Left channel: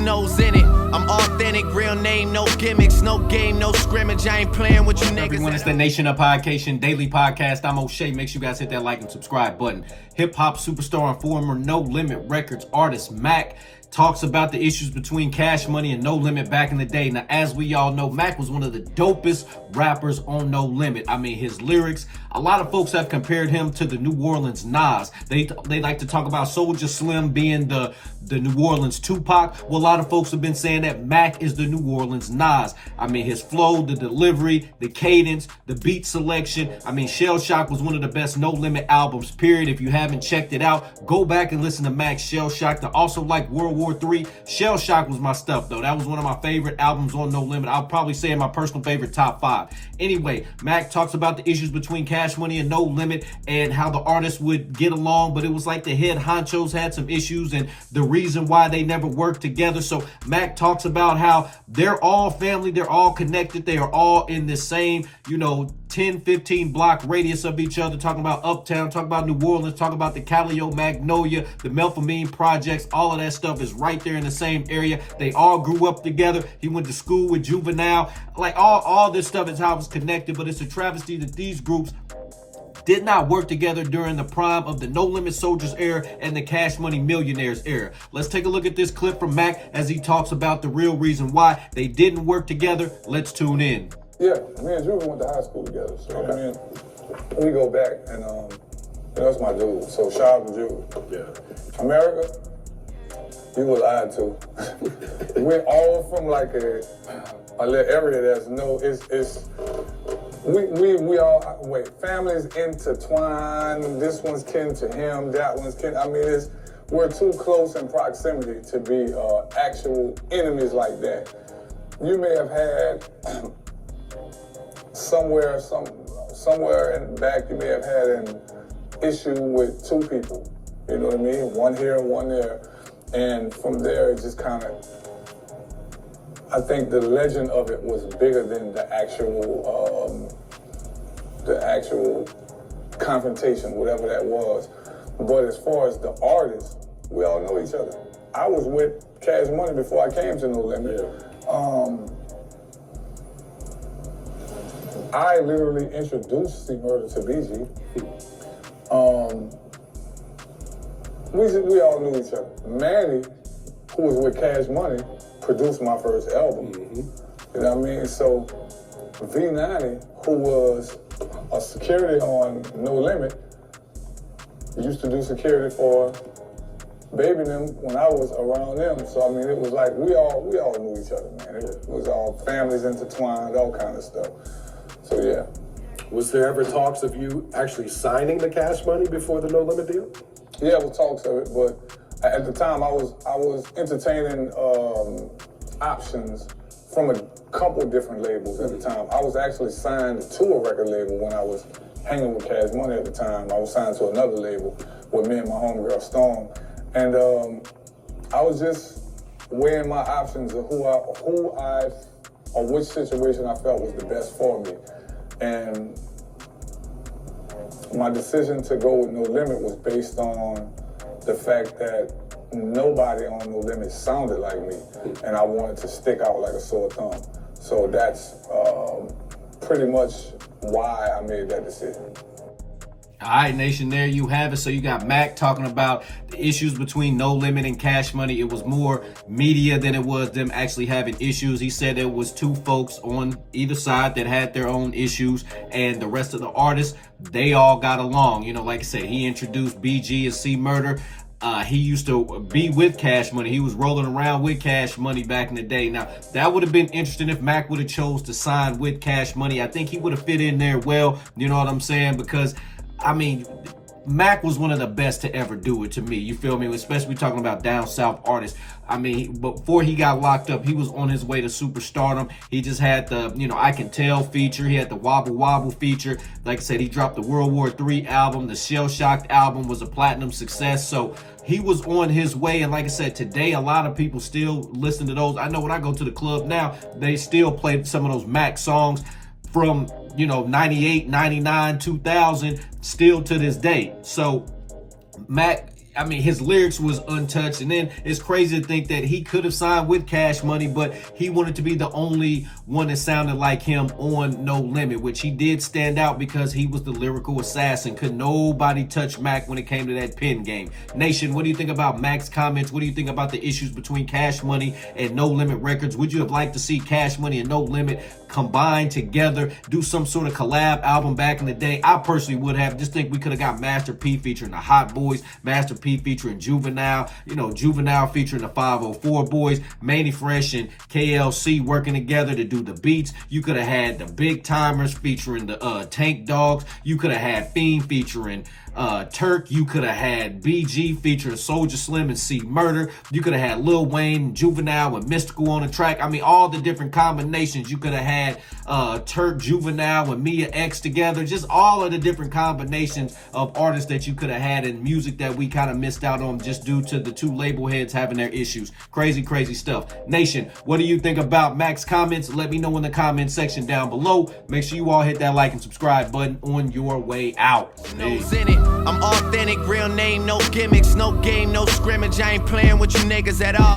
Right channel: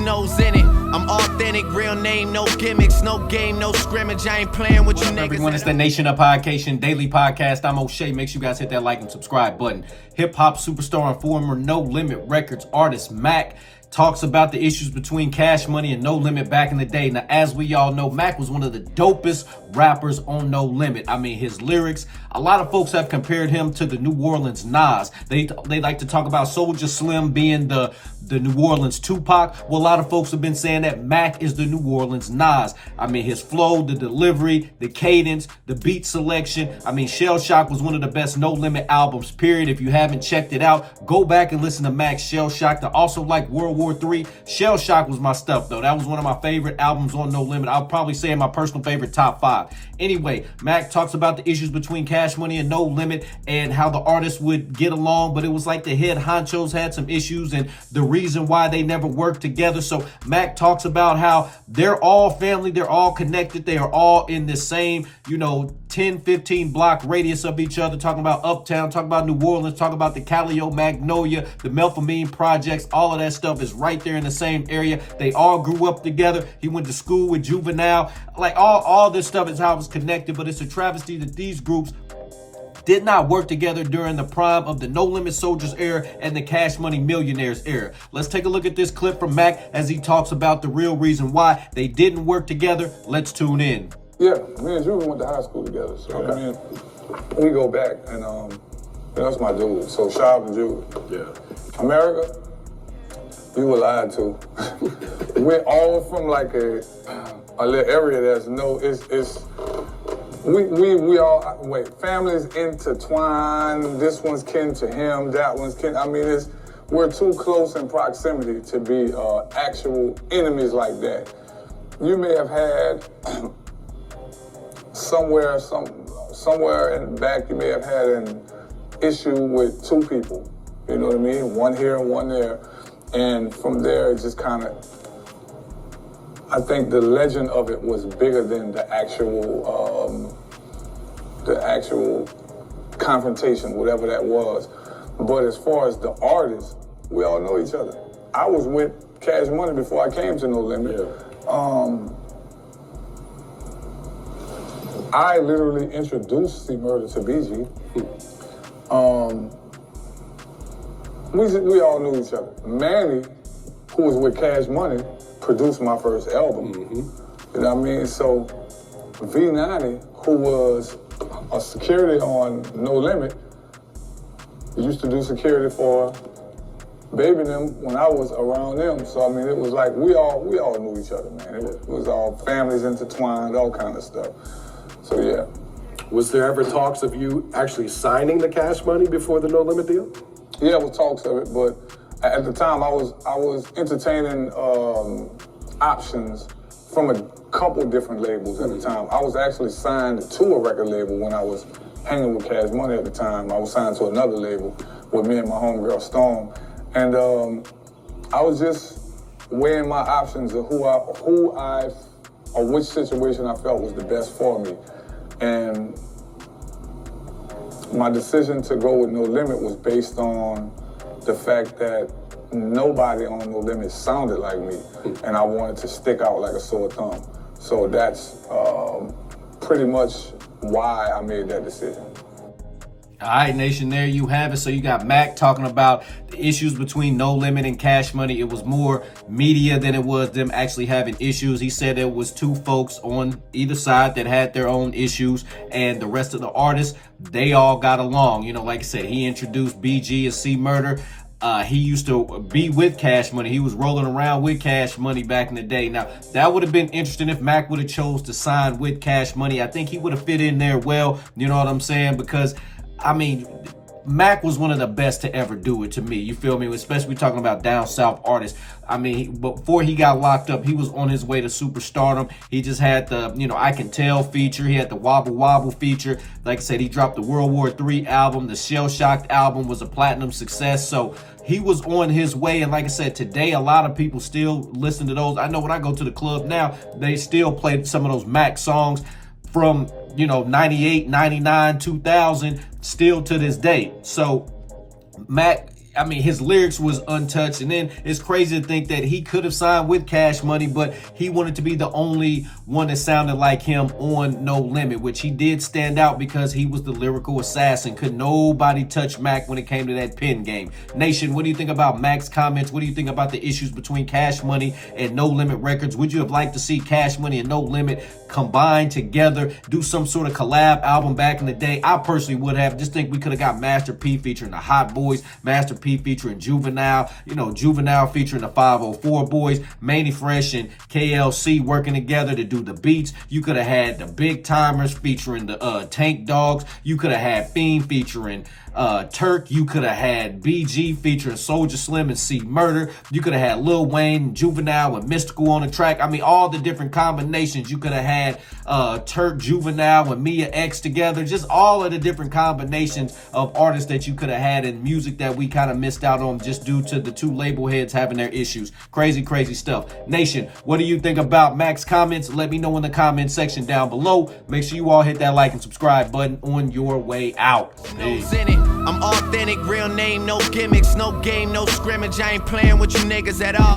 your nose in it. I'm authentic, real name, no gimmicks, no game, no scrimmage. I ain't playing with you niggas. Everyone, it's the Nation of Podcation Daily Podcast. I'm O'Shea. Make sure you guys hit that like and subscribe button. Hip-hop superstar and former No Limit Records artist Mac talks about the issues between Cash Money and No Limit back in the day. Now, as we all know, Mac was one of the dopest rappers on No Limit. I mean, his lyrics, a lot of folks have compared him to the New Orleans Nas. They like to talk about Soulja Slim being the New Orleans Tupac. Well, a lot of folks have been saying that Mac is the New Orleans Nas. I mean, his flow, the delivery, the cadence, the beat selection. I mean, Shell Shock was one of the best No Limit albums, period. If you haven't checked it out, go back and listen to Mac's Shell Shock. I also like World War III. Shell Shock was my stuff, though. That was one of my favorite albums on No Limit. I'll probably say in my personal favorite top 5. Anyway, Mac talks about the issues between Cash Money and No Limit and how the artists would get along, but it was like the head honchos had some issues and the reason why they never worked together. So Mac talks about how they're all family, they're all connected, they are all in the same, 10, 15 block radius of each other, talking about Uptown, talking about New Orleans, talking about the Calio Magnolia, the Melpomene projects, all of that stuff is right there in the same area. They all grew up together. He went to school with Juvenile. Like all this stuff is how it was connected, but it's a travesty that these groups did not work together during the prime of the No Limit Soldiers era and the Cash Money Millionaires era. Let's take a look at this clip from Mac as he talks about the real reason why they didn't work together. Let's tune in. Yeah, me and Drew went to high school together. So okay. I mean, we go back, and that's my dude. So shout out to Drew. Yeah. America, you were lied to. We're all from like a little area that's we all families intertwined. This one's kin to him, that one's kin. I mean, we're too close in proximity to be actual enemies like that. You may have had somewhere in the back, you may have had an issue with 2 people. You know what I mean? One here and one there. And from there, it just kind of, I think the legend of it was bigger than the actual confrontation, whatever that was. But as far as the artists, we all know each other. I was with Cash Money before I came to No Limit. Yeah. I literally introduced C-Murder to BG. We all knew each other. Manny, who was with Cash Money, produced my first album. Mm-hmm. You know what I mean? So V90, who was a security on No Limit, used to do security for Baby them when I was around them. So I mean, it was like we all knew each other, man. It was all families intertwined, all kind of stuff. So yeah. Was there ever talks of you actually signing the Cash Money before the No Limit deal? Yeah, there was talks of it, but at the time I was entertaining options from a couple different labels at the time. I was actually signed to a record label when I was hanging with Cash Money at the time. I was signed to another label with me and my homegirl Storm, and I was just weighing my options of which situation I felt was the best for me. And my decision to go with No Limit was based on the fact that nobody on No Limit sounded like me, and I wanted to stick out like a sore thumb. So that's pretty much why I made that decision. All right, Nation, there you have it. So you got Mac talking about the issues between No Limit and Cash Money. It was more media than it was them actually having issues. He said there was 2 folks on either side that had their own issues, and the rest of the artists, they all got along. Like I said, he introduced BG and C-Murder. He used to be with Cash Money. He was rolling around with Cash Money back in the day. Now, that would have been interesting if Mac would have chose to sign with Cash Money. I think he would have fit in there well, you know what I'm saying? Because I mean, Mac was one of the best to ever do it to me. You feel me? Especially talking about down south artists. I mean, before he got locked up, he was on his way to superstardom. He just had the, I Can Tell feature. He had the Wobble Wobble feature. Like I said, he dropped the World War III album. The Shell Shocked album was a platinum success. So he was on his way. And like I said, today, a lot of people still listen to those. I know when I go to the club now, they still play some of those Mac songs from 98, 99, 2000, still to this day. So Mac I mean, his lyrics was untouched. And then it's crazy to think that he could have signed with Cash Money, but he wanted to be the only one that sounded like him on No Limit, which he did stand out because he was the lyrical assassin. Could nobody touch Mac when it came to that pen game. Nation, what do you think about Mac's comments? What do you think about the issues between Cash Money and No Limit Records? Would you have liked to see Cash Money and No Limit combine together, do some sort of collab album back in the day? I personally would have. Just think we could have got Master P featuring the Hot Boys, Master P featuring Juvenile, Juvenile featuring the 504 Boys, Manny Fresh and KLC working together to do the beats. You could have had the Big Timers featuring the Tank Dogs. You could have had Fiend featuring Turk. You could have had BG featuring Soulja Slim and C Murder. You could have had Lil Wayne, Juvenile, and Mystical on the track. I mean, all the different combinations. You could have had Turk, Juvenile, and Mia X together. Just all of the different combinations of artists that you could have had in music that we kind of missed out on just due to the two label heads having their issues. Crazy, crazy stuff. Nation, what do you think about Mac's comments? Let me know in the comment section down below. Make sure you all hit that like and subscribe button on your way out. Nose in it. I'm authentic, real name, no gimmicks, no game, no scrimmage. I ain't playing with you niggas at all.